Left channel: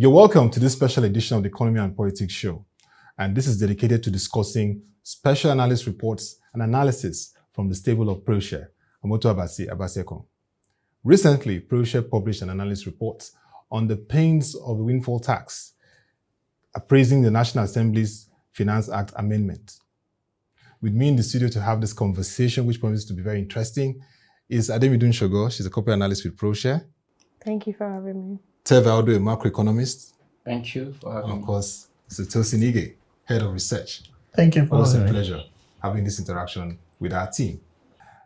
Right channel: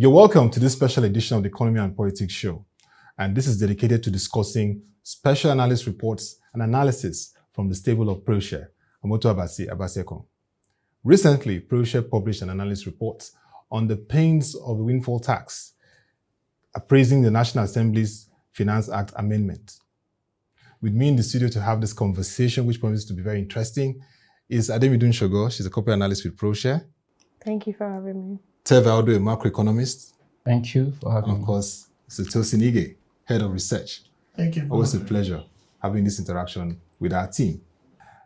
You're welcome to this special edition of the Economy and Politics Show, and this is dedicated to discussing special analyst reports and analysis from the stable of ProShare, Ottoabasi Abasiekong. Recently, ProShare published an analyst report on the pains of the Windfall Tax, appraising the National Assembly's Finance Act amendment. With me in the studio to have this conversation, which promises to be very interesting, is Ademidun Shogo. She's a corporate analyst with ProShare. Thank you for having me. Terver Audu, a macro-economist. Thank you for having me. And of course, Mr. Tosin Ige, head of research. Thank you for Always a pleasure having this interaction with our team.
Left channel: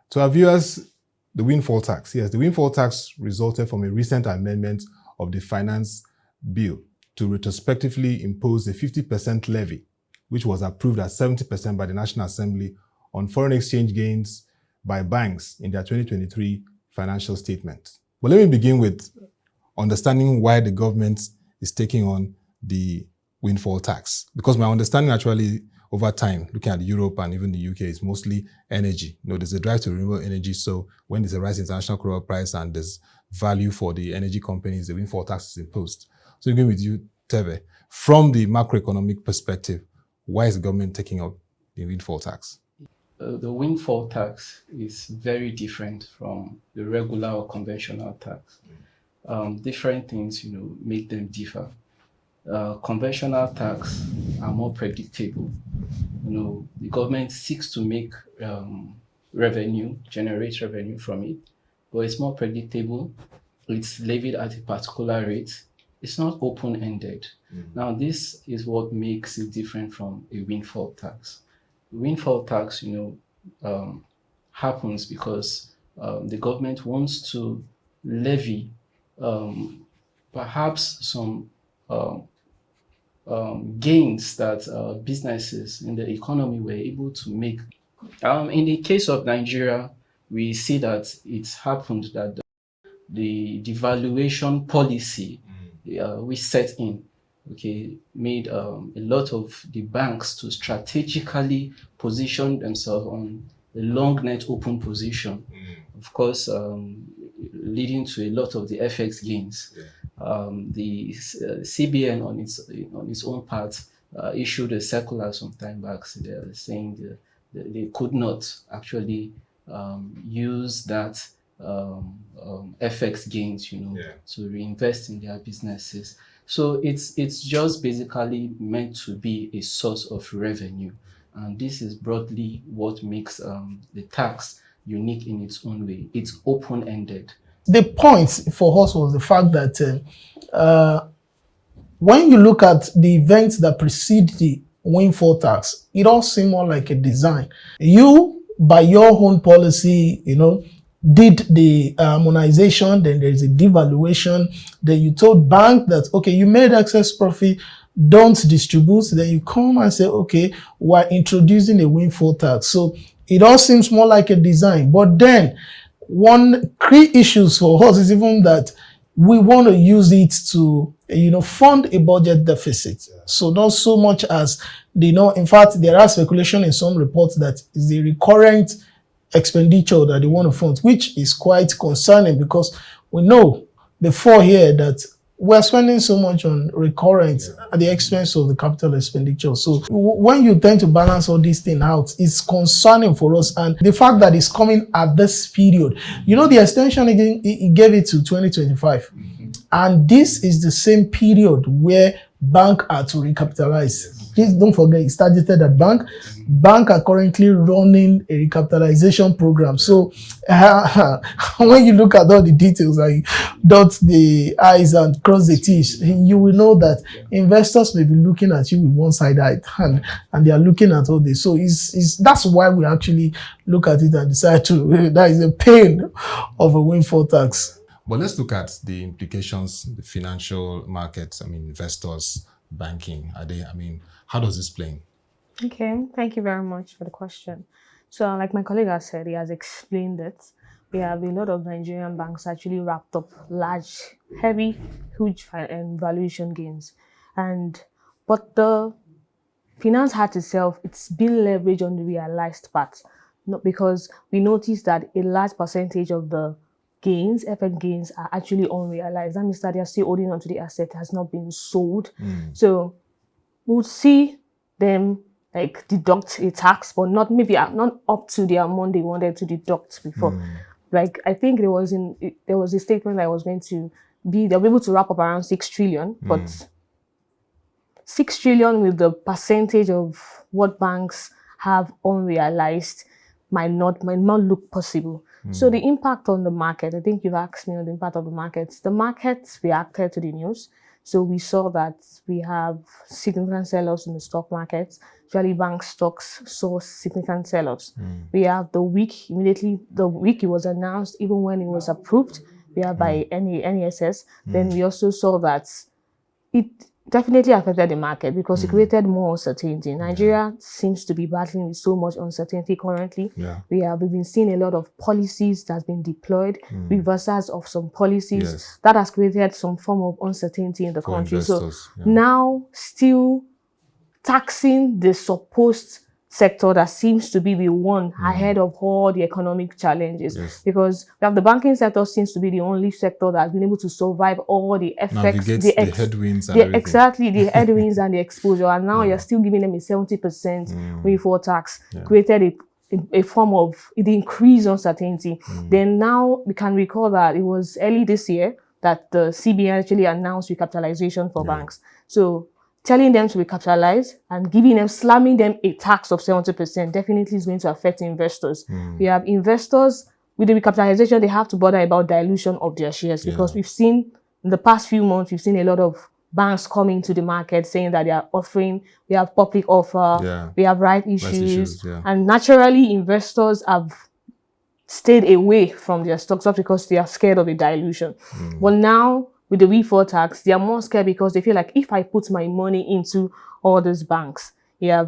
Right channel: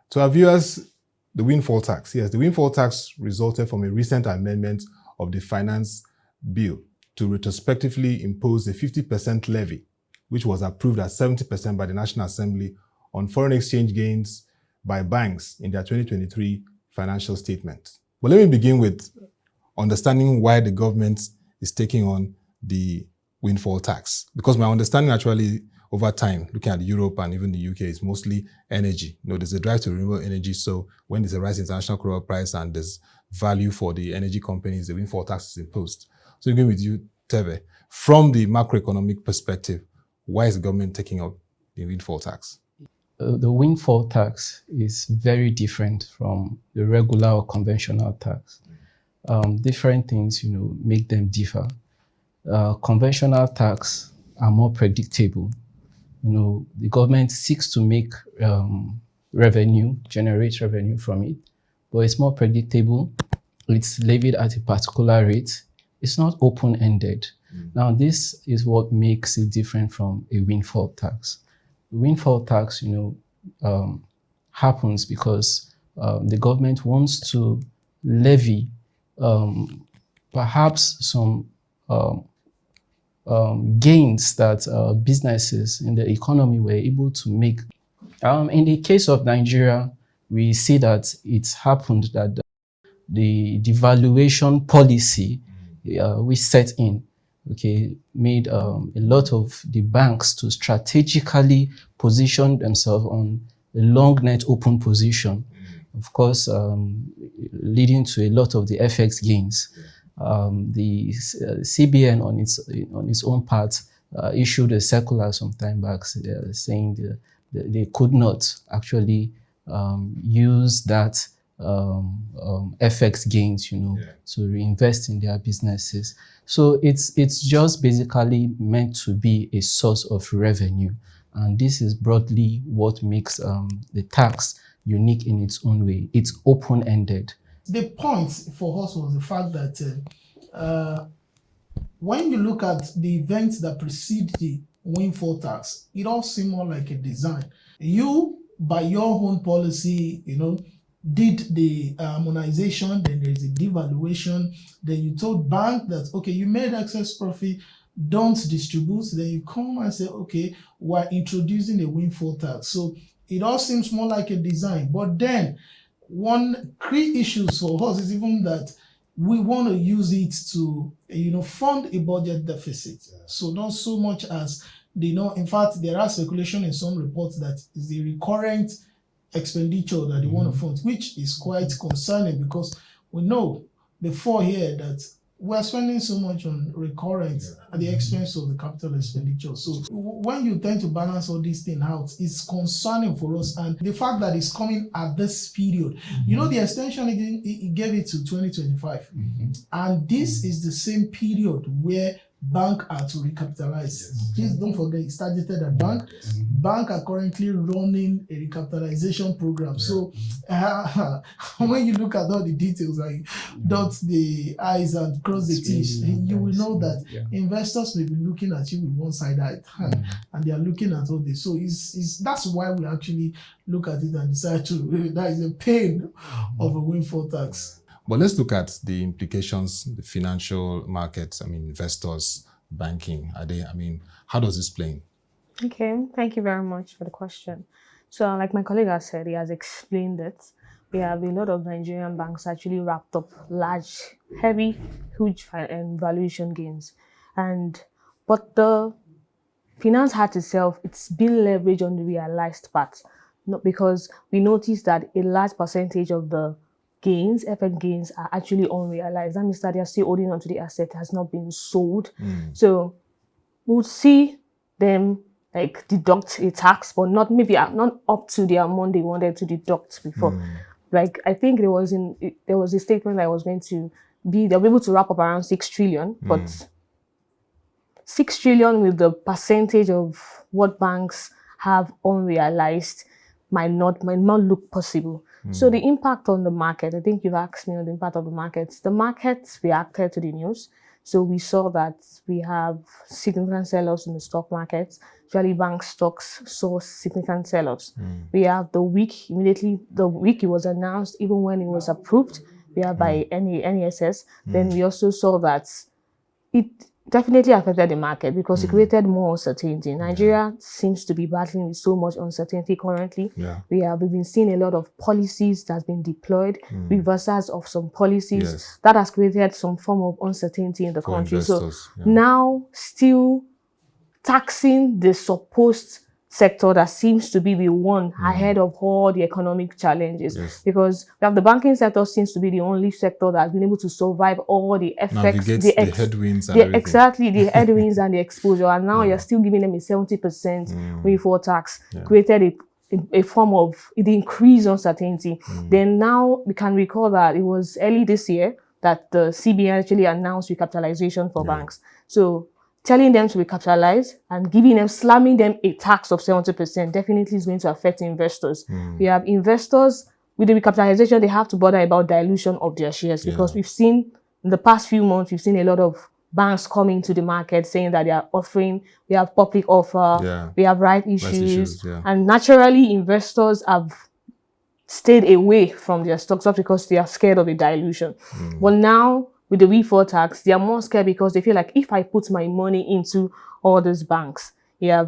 To our viewers, the Windfall Tax. Yes, the Windfall Tax resulted from a recent amendment of the Finance Bill to retrospectively impose a 50% levy, which was approved at 70% by the National Assembly on foreign exchange gains by banks in their 2023 financial statement. But let me begin with understanding why the government is taking on the windfall tax. Because my understanding actually over time, looking at Europe and even the UK, is mostly energy. There's a drive to renewable energy. So when there's a rise in international crude oil price and there's value for the energy companies, the windfall tax is imposed. So again with you, Teve, from the macroeconomic perspective, why is the government taking up the windfall tax? The windfall tax is very different from the regular or conventional tax. Different things, make them differ. Conventional tax are more predictable. The government seeks to make revenue, generate revenue from it, but it's more predictable. It's levied at a particular rate. It's not open-ended. Now, this is what makes it different from a windfall tax. The windfall tax, happens because the government wants to levy perhaps some gains that businesses in the economy were able to make. In the case of Nigeria, we see that it's happened that the devaluation policy we set in, made a lot of the banks to strategically position themselves on a long net open position, of course, leading to a lot of the FX gains. The CBN on its own part issued a circular some time back saying they could not actually use that FX gains, to reinvest in their businesses. So it's just basically meant to be a source of revenue, and this is broadly what makes the tax unique in its own way. It's open-ended. The point for us was the fact that when you look at the events that precede the windfall tax, it all seemed more like a design. You, by your own policy, did the harmonization, then there's a devaluation, then you told bank that, okay, you made excess profit, don't distribute, then you come and say, okay, we're introducing a windfall tax. So it all seems more like a design. But then one key issues for us is even that we want to use it to, fund a budget deficit. So not so much as, in fact, there are speculation in some reports that is the recurrent expenditure that they want to fund, which is quite concerning because we know before here that we're spending so much on recurrent at the expense of the capital expenditure. So when you tend to balance all these things out, it's concerning for us. And the fact that it's coming at this period, the extension again, it gave it to 2025. And this is the same period where banks are to recapitalize. Please don't forget, it started at bank. Bank are currently running a recapitalization program. So when you look at all the details, like dot the I's and cross the T's, you will know that investors may be looking at you with one-sided eye and they are looking at all this. So that's why we actually look at it and decide that is a pain of a windfall tax. But let's look at the implications, the financial markets, investors, banking. How does this play in? Okay, thank you very much for the question. So like my colleague has said, he has explained it. We have a lot of Nigerian banks actually wrapped up large, heavy, huge valuation gains. But the finance hat itself, it's been leveraged on the realized part. Not because we noticed that a large percentage of the gains, FX gains, are actually unrealized. That means that they are still holding on to the asset, has not been sold. So we'll see them like deduct a tax, but not up to the amount they wanted to deduct before. Like I think there was a statement that was going to be, they'll be able to wrap up around 6 trillion, but 6 trillion with the percentage of what banks have unrealized might not look possible. So the impact on the market, I think you've asked me on the impact of the markets. The markets reacted to the news. So we saw that we have significant sell-offs in the stock market. Usually bank stocks saw significant sell-offs. We have the week it was announced, even when it was approved, we have by NESS. Then we also saw that it definitely affected the market because it created more uncertainty. Nigeria seems to be battling with so much uncertainty currently. We've been seeing a lot of policies that's been deployed, reversals of some policies that has created some form of uncertainty in the country. Investors, so now still taxing the supposed sector that seems to be the one ahead of all the economic challenges, because we have the banking sector seems to be the only sector that has been able to survive all the effects, the headwinds and everything. Exactly, the headwinds and the exposure, and now you're still giving them a 70% windfall tax, created a form of the increased uncertainty. Then now we can recall that it was early this year that the CBN actually announced recapitalization for banks. So telling them to recapitalize and slamming them a tax of 70% definitely is going to affect investors. We have investors, with the recapitalization, they have to bother about dilution of their shares because we've seen, in the past few months, we've seen a lot of banks coming to the market saying that they are offering, we have public offer, we have right issues, and naturally investors have stayed away from their stocks just because they are scared of a dilution. But now, with the windfall tax, they are more scared because they feel like if I put my money into all these banks, there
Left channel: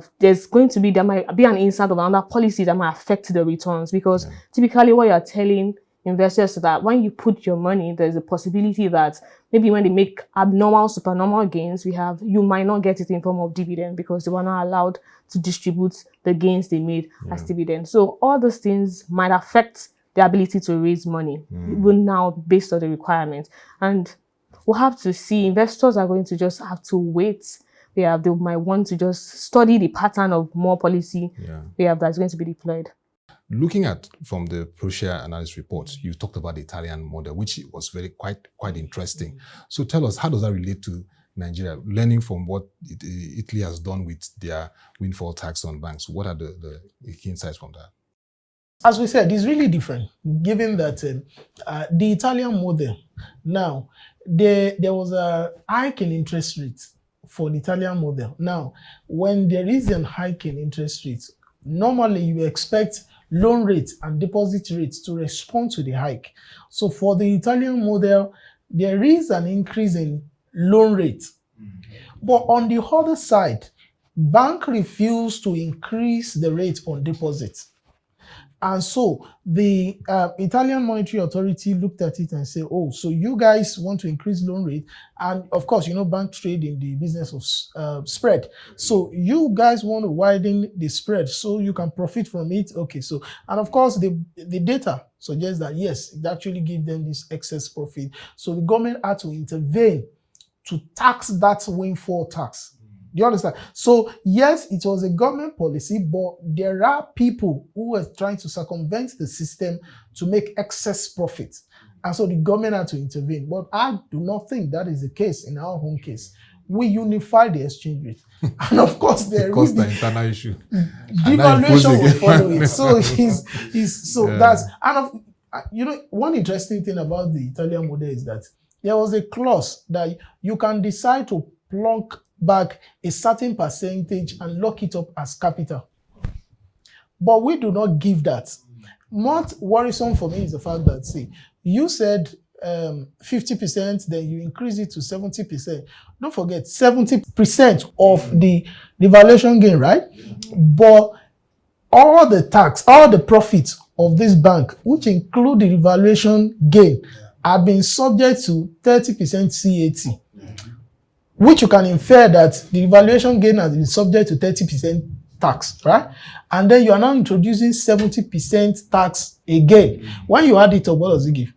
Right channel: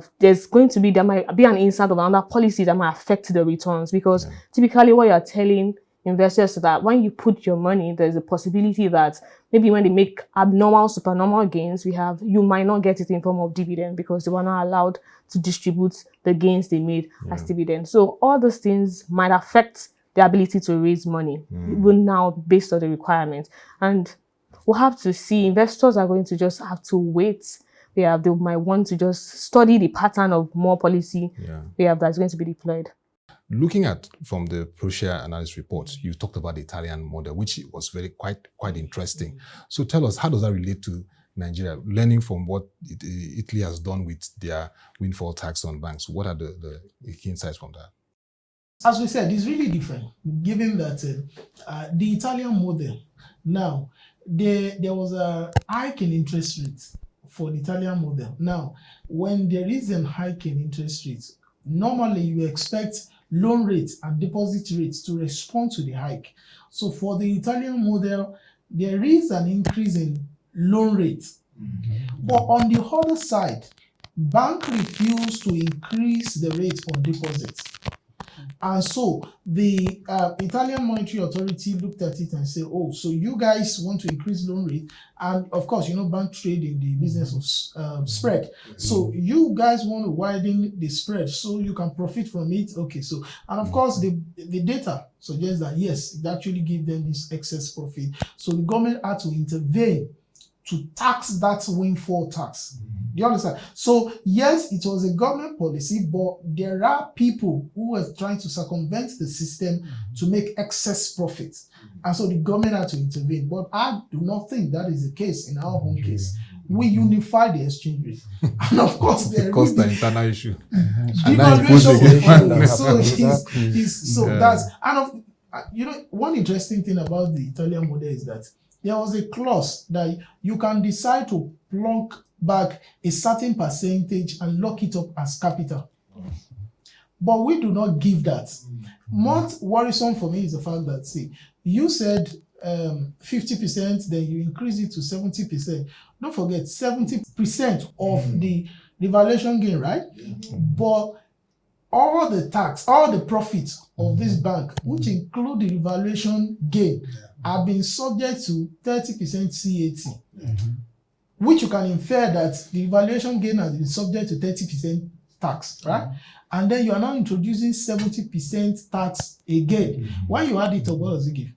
might be an insight of another policy that might affect the returns, because typically what you're telling investors is that when you put your money, there's a possibility that maybe when they make abnormal, supernormal gains, you might not get it in form of dividend because they were not allowed to distribute the gains they made as dividend. So all those things might affect the ability to raise money, even now based on the requirements. And we'll have to see. Investors are going to just have to wait. They might want to just study the pattern of more policy that's going to be deployed. Looking at from the ProShare analysis report, you talked about the Italian model, which was quite interesting. So tell us, how does that relate to Nigeria? Learning from what Italy has done with their windfall tax on banks, what are the key insights from that? As we said, it's really different, given that the Italian model, now, there was a hike in interest rates for the Italian model. Now, when there is a hike in interest rates, normally you expect loan rates and deposit rates to respond to the hike. So for the Italian model, there is an increase in loan rates. But on the other side, bank refused to increase the rate on deposits. And so the Italian Monetary Authority looked at it and said, oh, so you guys want to increase loan rate. And of course, bank trade in the business of spread. So you guys want to widen the spread so you can profit from it. Okay, so, and of course, the data suggests that, yes, it actually gives them this excess profit. So the government had to intervene to tax that windfall tax. Do you understand? So, yes, it was a government policy, but there are people who were trying to circumvent the system to make excess profit. And so the government had to intervene. But I do not think that is the case in our own case. We unify the exchange rate. And of course, there because the internal issue. Devaluation will follow. So that's, and one interesting thing about the Italian model is that there was a clause that you can decide to plunk back a certain percentage and lock it up as capital. But we do not give that. What worrisome for me is the fact that, see, you said 50%, then you increase it to 70%. Don't forget, 70% of the valuation gain, right? But all the profits of this bank, which include the valuation gain, have been subject to 30% CAT. Which you can infer that the valuation gain has been subject to 30% tax, right? And then you are now introducing 70% tax again. When you add it up, what does it give?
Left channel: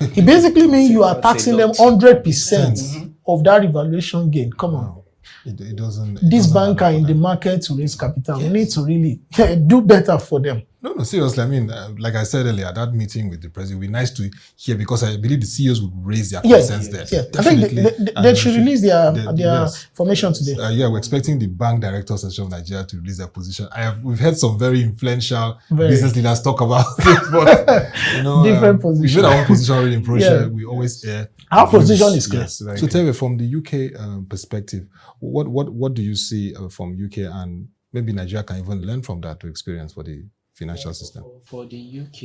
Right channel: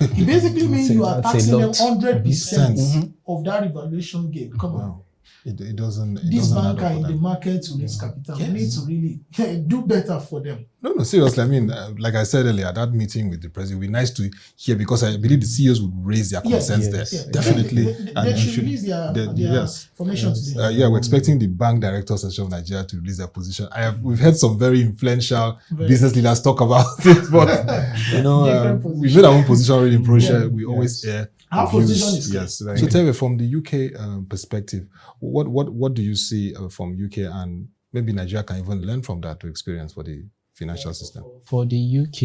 It basically means you are That's a taxing them lot. 100% of that revaluation gain. Come on. Wow. It doesn't. These doesn't banks add are up in for the them. market to raise capital. We need to really do better for them. No, seriously. I mean, like I said earlier, that meeting with the president would be nice to hear because I believe the CEOs would raise their concerns there. Yeah. Definitely. I think And they we should release their yes. information today. Yeah, we're expecting the Bank Director Association of Nigeria to release their position. We've heard some very influential business leaders talk about it, but Different we made our own position already in ProShare. Yeah. We always air Our views. position is clear. Yes. So Terver, from the UK perspective, what do you see from UK, and maybe Nigeria can even learn from that to experience for the financial system? For the UK,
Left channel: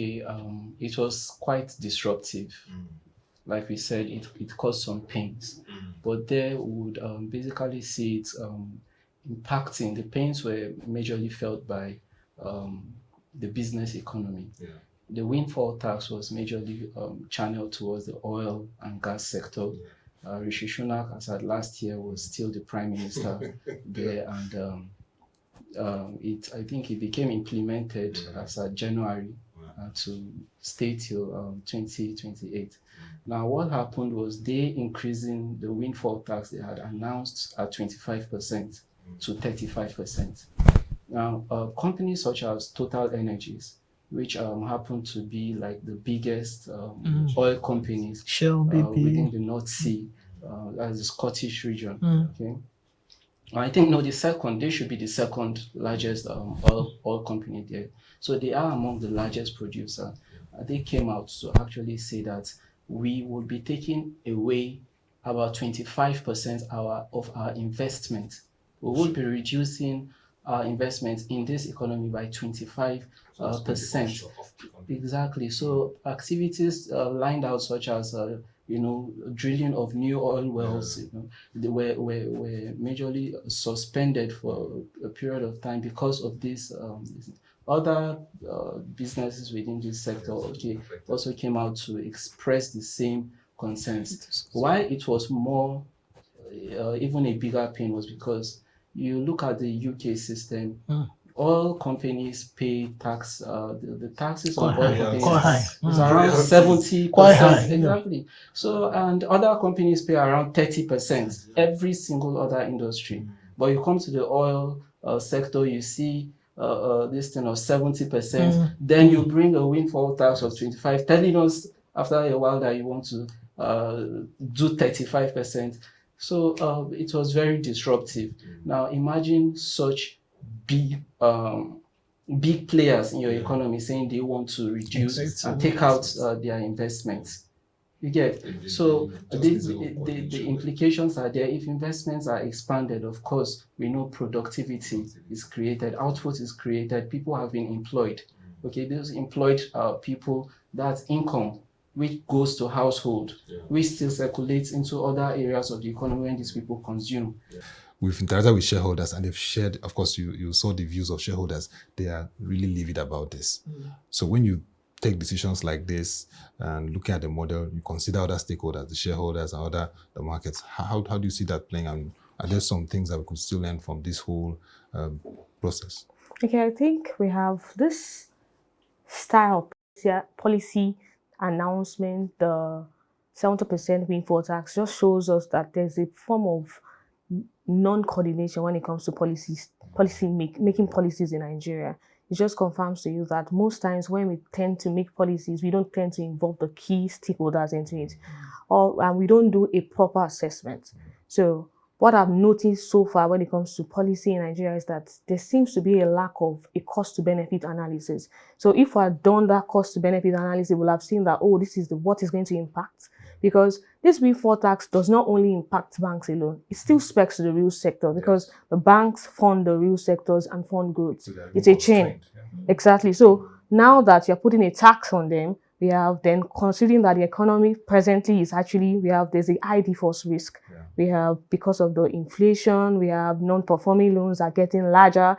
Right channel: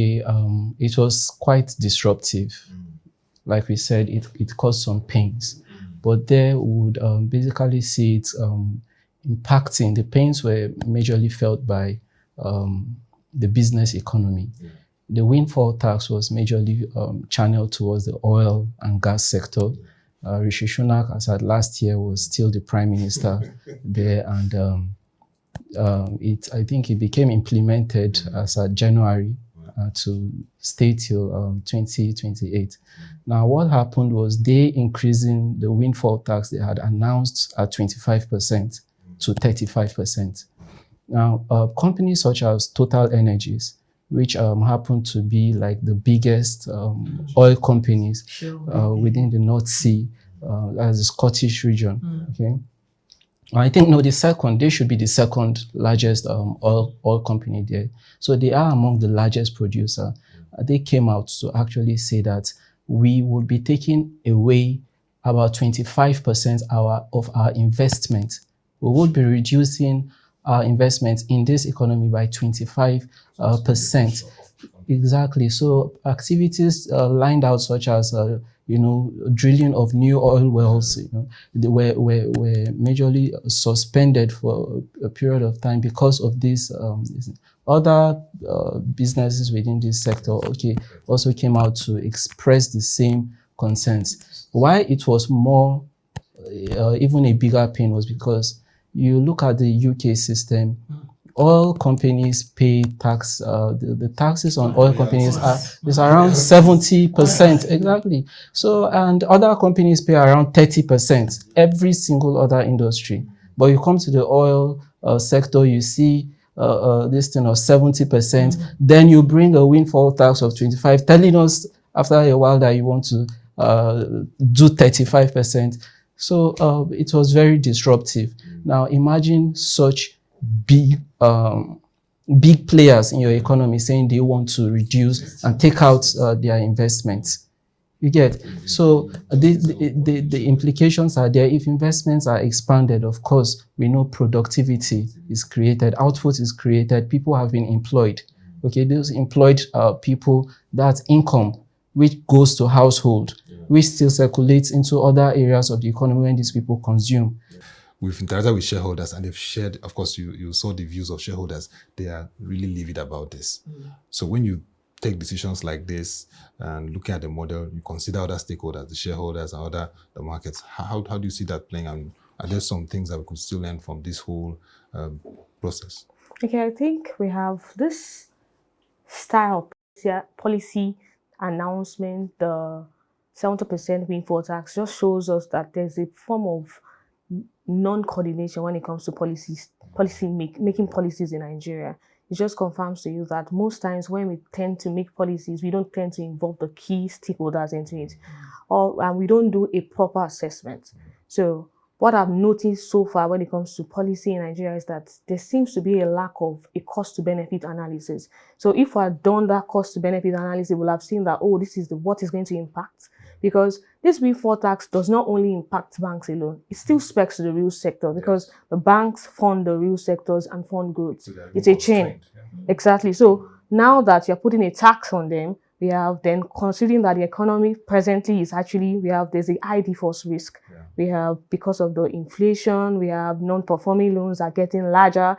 it was quite disruptive. Like we said, it caused some pains, but there would basically see it impacting. The pains were majorly felt by the business economy. The windfall tax was majorly channeled towards the oil and gas sector. Rishi Sunak, as at last year, was still the prime minister there, and I think it became implemented as at January to stay till 2028. Now, what happened was they increasing the windfall tax they had announced at 25% to 35%. Now, companies such as Total Energies, which happen to be like the biggest oil companies within the North Sea, as the Scottish region. Okay, I think they should be the second largest oil company there. So they are among the largest producer. They came out to actually say that we would be taking away about 25% of our investment. We would be reducing our investment in this economy by 25%. Exactly. So activities lined out such as drilling of new oil wells, they were majorly suspended for a period of time because of this. Other businesses within this sector, also came out to express the same concerns. Why it was more, even a bigger pain, was because you look at the UK system. Oil companies pay tax. The taxes on oil companies is around 70%. Exactly. So, and other companies pay around 30%. Every single other industry. But you come to the oil sector, you see this thing of 70%. Then you bring a windfall tax of 25%, telling us after a while that you want to do 35%. So it was very disruptive. Now imagine such big players in your economy saying they want to reduce and take out their investments. You get? So the implications are there. If investments are expanded, of course, we know productivity is created, output is created, people have been employed. Okay, those employed people, that's income, which goes to household, which still circulates into other areas of the economy when these people consume. We've interacted with shareholders and they've shared, of course, you saw the views of shareholders. They are really livid about this. So when you take decisions like this and looking at the model, you consider other stakeholders, the shareholders and the markets. How do you see that playing? And are there some things that we could still learn from this whole process? Okay, I think we have this style policy announcement, the 70% windfall tax just shows us that there's a form of non-coordination when it comes to making policies in Nigeria. It just confirms to you that most times when we tend to make policies, we don't tend to involve the key stakeholders into it, and we don't do a proper assessment. So what I've noticed so far when it comes to policy in Nigeria is that there seems to be a lack of a cost-to-benefit analysis. So if we had done that cost-to-benefit analysis, we'll have seen that, this is what is going to impact. Because this windfall tax does not only impact banks alone, it still speaks to the real sector because the banks fund the real sectors and fund growth. So it's a chain. Exactly. So now that you're putting a tax on them, we have then considering that the economy presently is actually, there's a high default risk. We have, because of the inflation, we have non-performing loans are getting larger.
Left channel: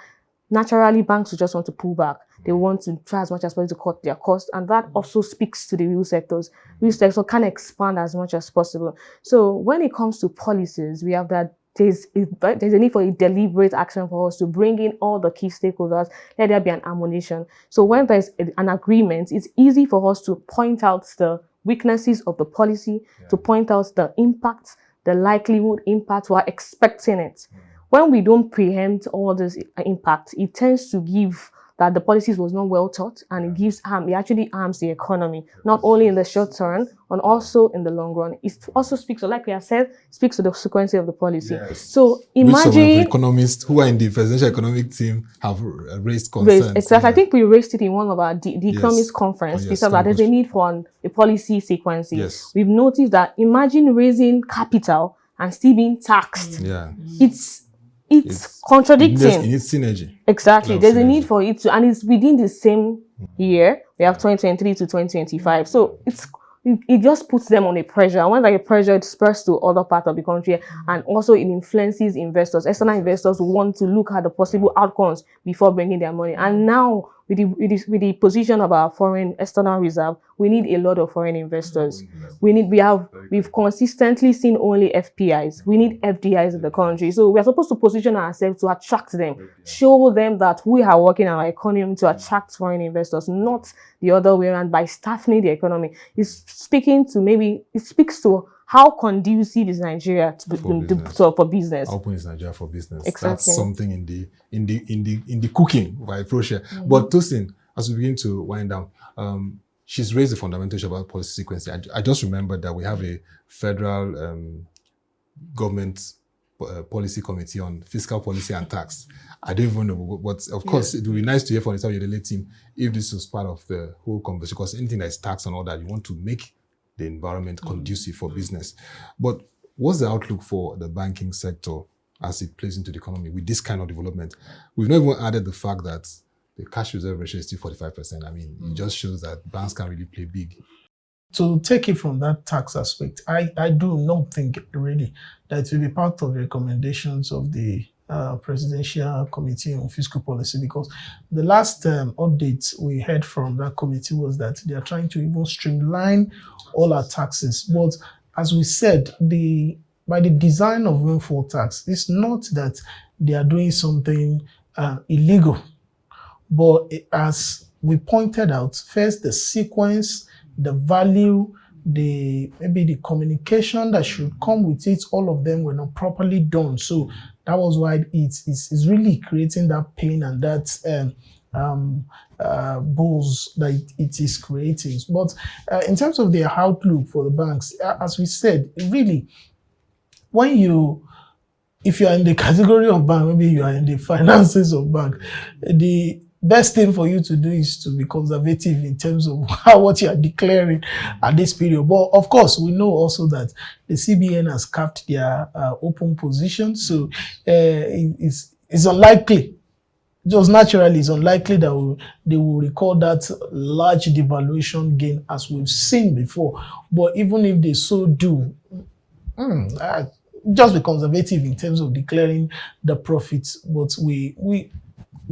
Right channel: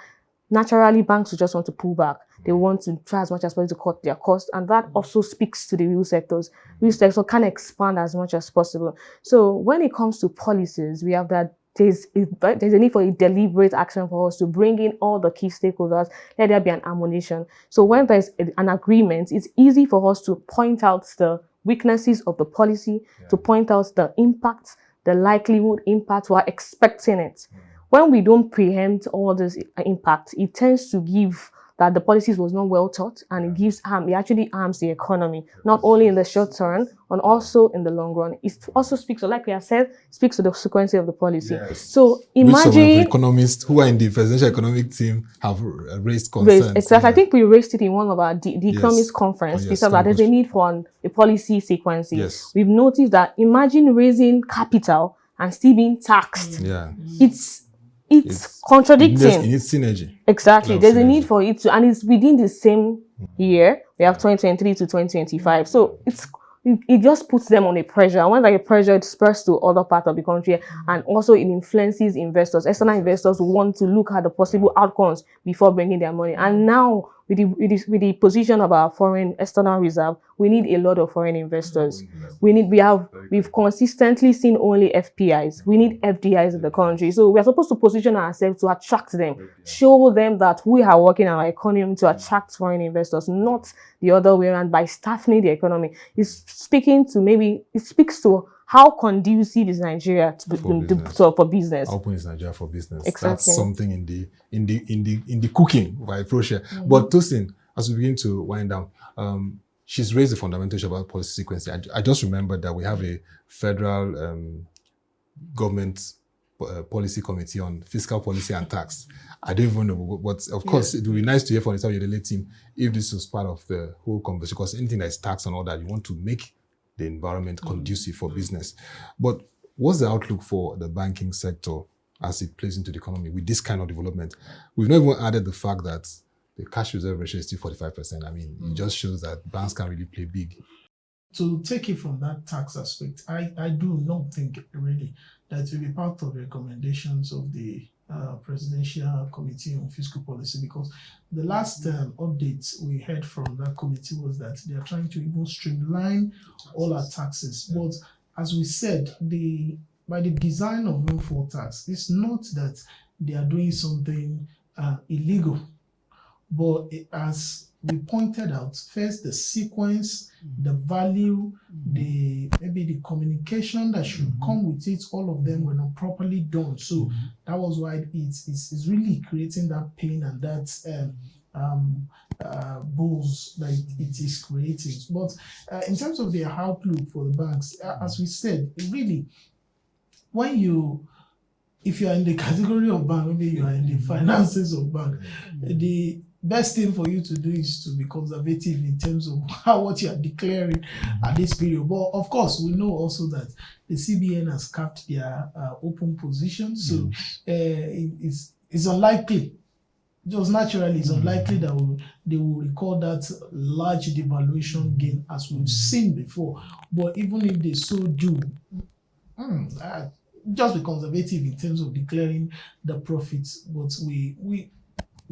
Naturally, banks will just want to pull back. They want to try as much as possible to cut their costs, and that also speaks to the real sectors. Real sector can expand as much as possible. So when it comes to policies, we have that there's a need for a deliberate action for us to bring in all the key stakeholders. Let there be an ammunition. So when there's an agreement, it's easy for us to point out the weaknesses of the policy, to point out the impact, the likelihood impact, we're expecting it. When we don't preempt all this impact, it tends to give that the policies was not well thought, and it gives harm. It actually harms the economy, not only in the short term, but also in the long run. It also speaks, like we have said, speaks to the frequency of the policy. Yes. So Which some of the imagine economists who are in the presidential economic team have raised concerns. exactly. I think we raised it in one of our the economist conference, yes, because there's a need for a policy sequencing. Yes. We've noticed that imagine raising capital and still being taxed. Yeah. It's contradicting. It needs synergy. Exactly. There's a synergy. need for it to, and it's within the same year. We have 2023 to 2025. So it just puts them on a pressure. And when that pressure, it spreads to other parts of the country, and also it influences investors. External investors want to look at the possible outcomes before bringing their money. And now with the position of our foreign external reserve, we need a lot of foreign investors. We've consistently seen only FPIs. We need FDIs in the country. So we are supposed to position ourselves to attract them, show them that we are working on our economy to attract foreign investors, not the other way around by staffing the economy. It speaks to how conducive is Nigeria for business. How open is Nigeria for business? Exactly. That's something in the cooking by approach here. But Tosin, as we begin to wind down, she's raised the fundamental issue about policy sequencing. I just remembered that we have a federal government policy committee on fiscal policy and tax. I don't even know, but of course, it would be nice to hear from the Youdelele team if this was part of the whole conversation, because anything that is tax and all that, you want to make the environment conducive for business. But what's the outlook for the banking sector as it plays into the economy with this kind of development? We've not even added the fact that the cash reserve ratio is still 45%. I mean, it just shows that banks can really play big. To take it from that tax aspect, I do not think really that it will be part of the recommendations of the Presidential Committee on Fiscal Policy, because the last updates we heard from that committee was that they are trying to even streamline all our taxes. But as we said, by the design of windfall tax, it's not that they are doing something illegal, but as we pointed out, first the sequence, the value, maybe the communication that should come with it, all of them were not properly done. So that was why it's really creating that pain and that bulls that it is creating. But in terms of the outlook for the banks, as we said, really, if you are in the category of bank, maybe you are in the finances of bank, the best thing for you to do is to be conservative in terms of what you are declaring at this period. But of course, we know also that the CBN has capped their open position, so it's unlikely. Just naturally, it's unlikely that they will record that large devaluation gain as we've seen before. But even if they so do, just be conservative in terms of declaring the profits. But we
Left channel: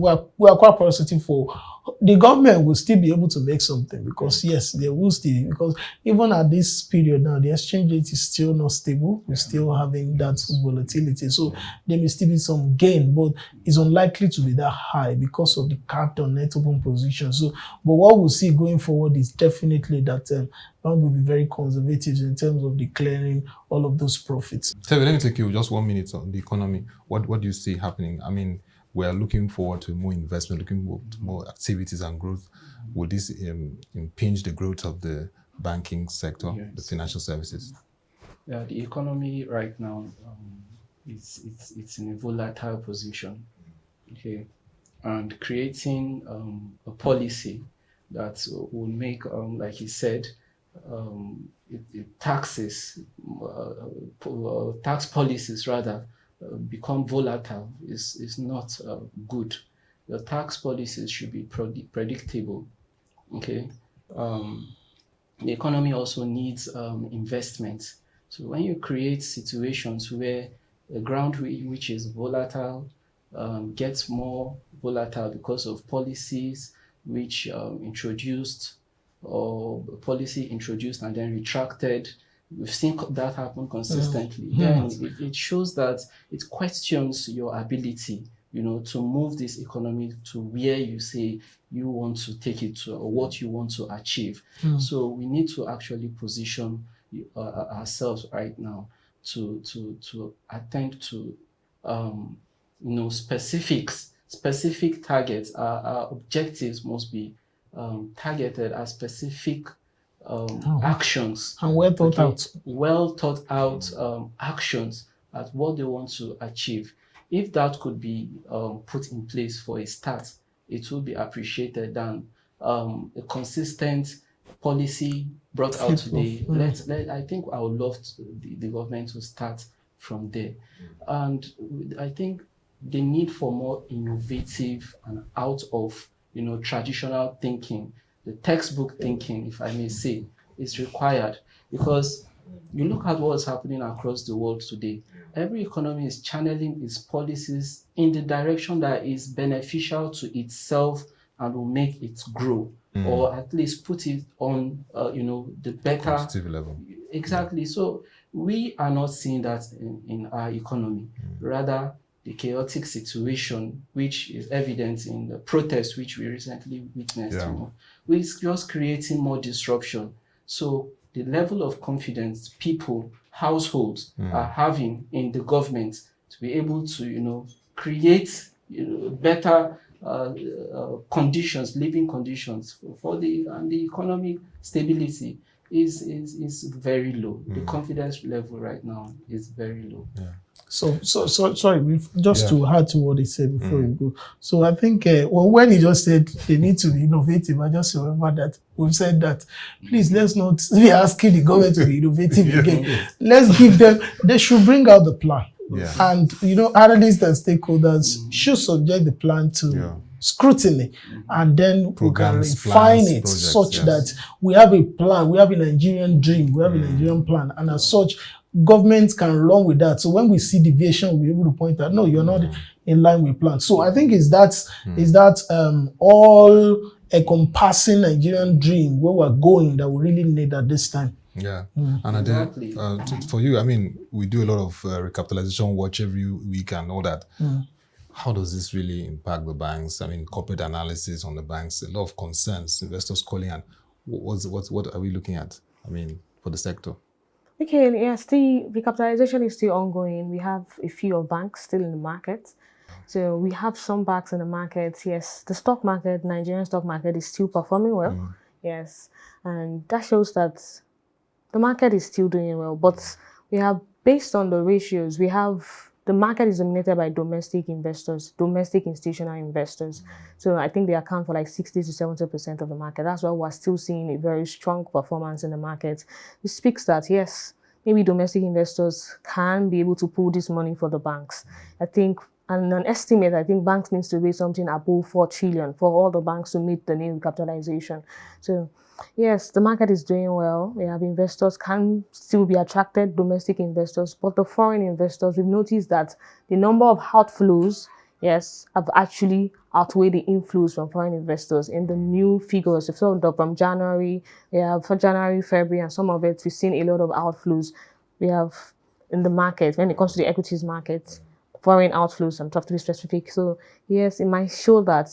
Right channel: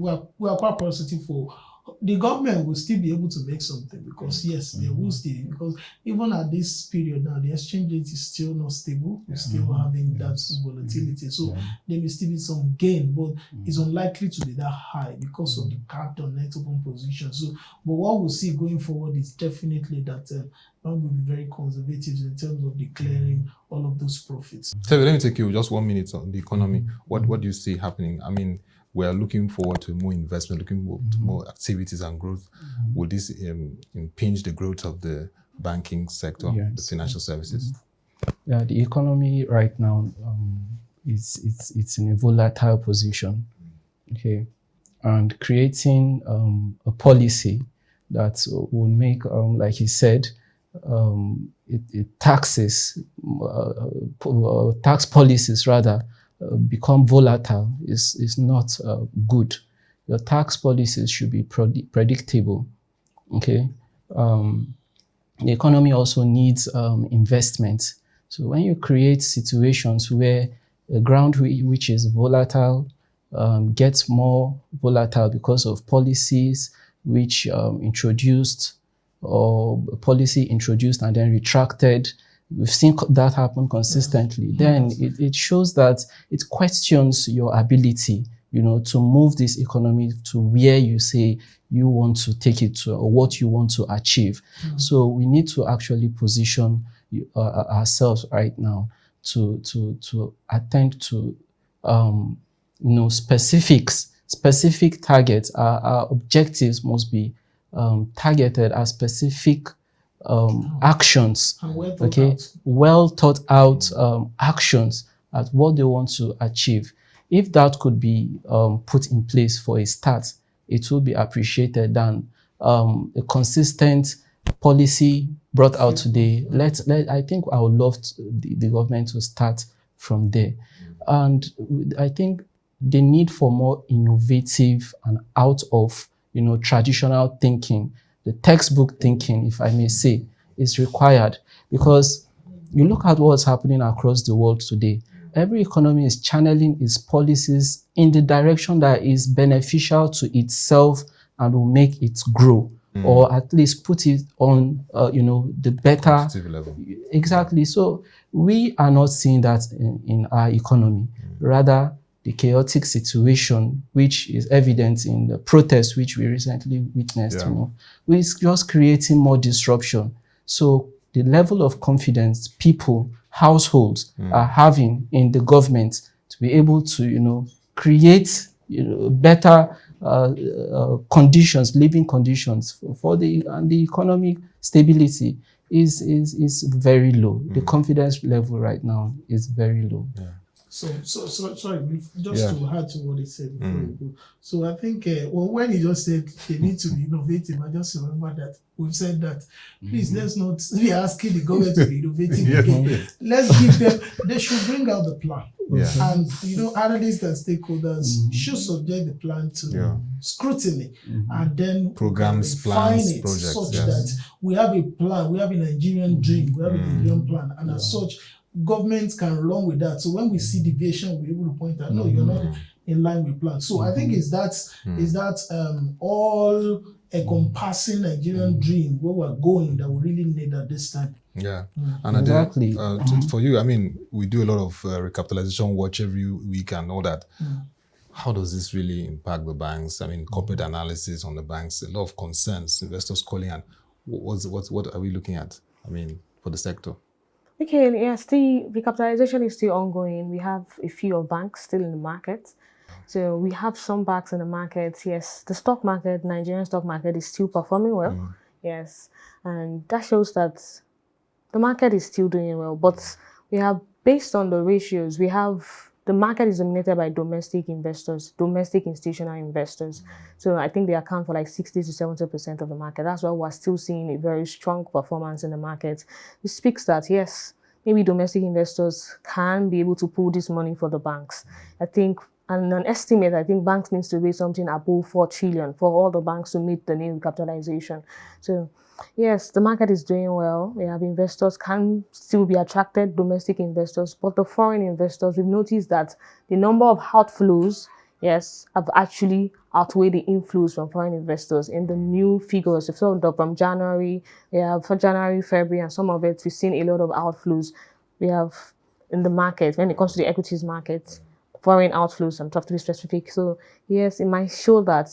are quite positive for the government will still be able to make something, because yes, they will still, because even at this period now, the exchange rate is still not stable. We're still having that volatility. So there may still be some gain, but it's unlikely to be that high because of the capped on net open position. So, but what we'll see going forward is definitely that bank will be very conservative in terms of declaring all of those profits. Terver, let me take you just 1 minute on the economy. What do you see happening? I mean, we are looking forward to more investment, looking to more activities and growth. Will this impinge the growth of the banking sector, the financial services? Yeah, the economy right now it's in a volatile position. Okay, and creating a policy that will make, like he said, tax policies rather. Become volatile is not good. Your tax policies should be predictable. Okay, the economy also needs investment. So when you create situations where the ground which is volatile gets more volatile because of policies which introduced and then retracted. We've seen that happen consistently. Then it shows that it questions your ability to move this economy to where you say you want to take it to, or what you want to achieve. So we need to actually position ourselves right now to attend to specific targets. Our objectives must be targeted at specific actions, And well thought out actions at what they want to achieve. If that could be put in place for a start, it will be appreciated than a consistent policy brought out today. I think I would love the government to start from there. And I think the need for more innovative and out of traditional thinking, the textbook thinking, if I may say, is required, because you look at what's happening across the world today. Every economy is channeling its policies in the direction that is beneficial to itself and will make it grow, or at least put it on, the better Competitive level. Exactly. So we are not seeing that in our economy. Rather, the chaotic situation, which is evident in the protests which we recently witnessed, is just creating more disruption. So the level of confidence people, households are having in the government to be able to, create, better conditions, living conditions for the economic stability is very low. The confidence level right now is very low. So sorry, just to add to what he said before you go. So I think when he just said they need to be innovative, I just remember that we've said that, please, let's not be asking the government to be innovative again. Let's give them, they should bring out the plan. And, analysts and stakeholders should subject the plan to scrutiny, and then programs, refine plans, it projects, such that we have a plan, we have a Nigerian dream, we have a Nigerian plan, and as such, governments can run with that. So when we see deviation, we're able to point out, no, you're not in line with plan. So I think is that all encompassing Nigerian dream where we're going that we really need at this time. Yeah, and exactly. For you, I mean, we do a lot of recapitalization watch every week and all that. How does this really impact the banks? I mean, corporate analysis on the banks, a lot of concerns, investors calling, and what are we looking at? I mean, for the sector. Okay, yes, the recapitalization is still ongoing. We have a few of banks still in the market. So we have some banks in the market. Yes, the stock market, Nigerian stock market is still performing well. Yes, and that shows that the market is still doing well. But we have, based on the ratios, we have the market is dominated by domestic investors, domestic institutional investors. So I think they account for like 60 to 70% of the market. That's why we're still seeing a very strong performance in the market. It speaks that, yes, maybe domestic investors can be able to pull this money for the banks. I think, and an estimate, I think banks needs to raise something above 4 trillion for all the banks to meet the new capitalization. So yes, the market is doing well. We have investors can still be attracted, domestic investors, but the foreign investors, we've noticed that the number of outflows, yes, have actually outweighed the inflows from foreign investors in the new figures. If so, from January, we have for January, February, and some of it, we've seen a lot of outflows. We have in the market, when it comes to the equities market, foreign outflows, I'm talking to be specific. So yes, it might show that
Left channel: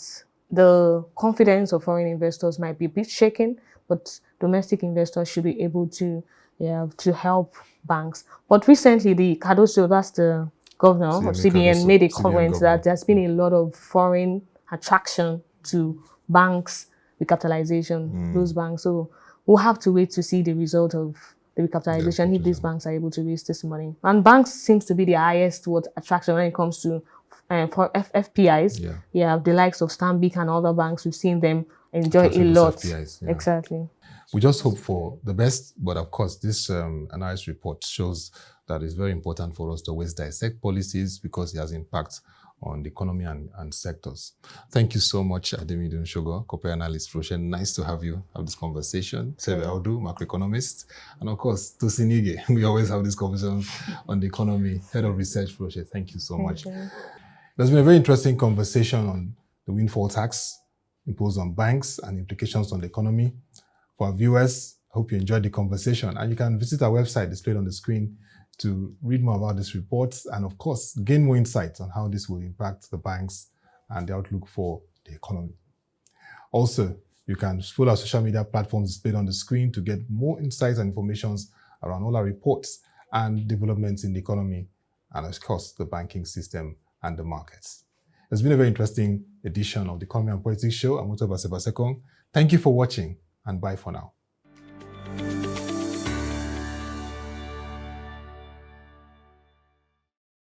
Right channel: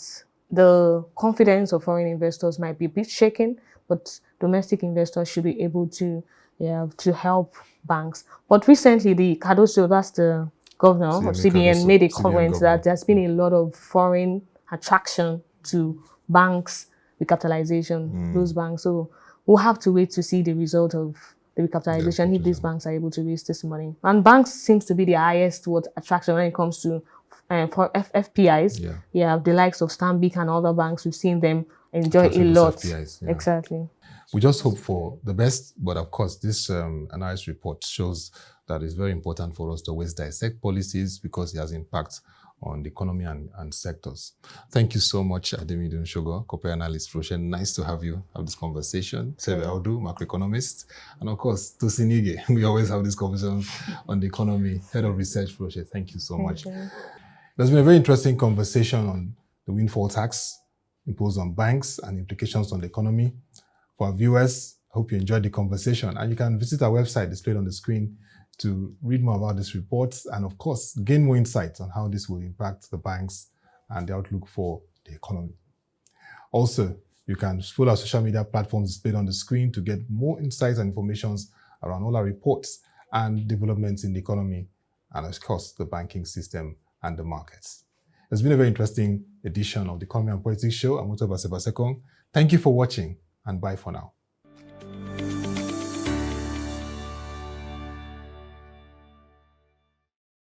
the confidence of foreign investors might be a bit shaken, but domestic investors should be able to help banks. But recently, the Cardoso, that's the governor of CBN, made a comment that there's been a lot of foreign attraction to banks recapitalization, those banks. So we'll have to wait to see the result of the recapitalization if these banks are able to raise this money. And banks seems to be the highest attraction when it comes to for FPIs. Yeah, the likes of Stanbic and other banks, we've seen them enjoy a lot. FPIs, exactly. We just hope for the best, but of course, this analysis report shows that it's very important for us to always dissect policies because it has impact on the economy and sectors. Thank you so much, Ademidun Shogo, corporate analyst. Roshan, nice to have you have this conversation. Terver Audu, macro-economist, and of course, Tosin Ige. We always have these conversations on the economy. Head of research, Roshan. Thank you so much. There's been a very interesting conversation on the windfall tax imposed on banks and implications on the economy. For our viewers, I hope you enjoyed the conversation, and you can visit our website displayed on the screen to read more about these reports and, of course, gain more insights on how this will impact the banks and the outlook for the economy. Also, you can follow our social media platforms displayed on the screen to get more insights and information around all our reports and developments in the economy and, of course, the banking system and the markets. It's been a very interesting edition of the Economy and Politics Show. I'm Ottoabasi Abasiekong. Thank you for watching, and bye for now.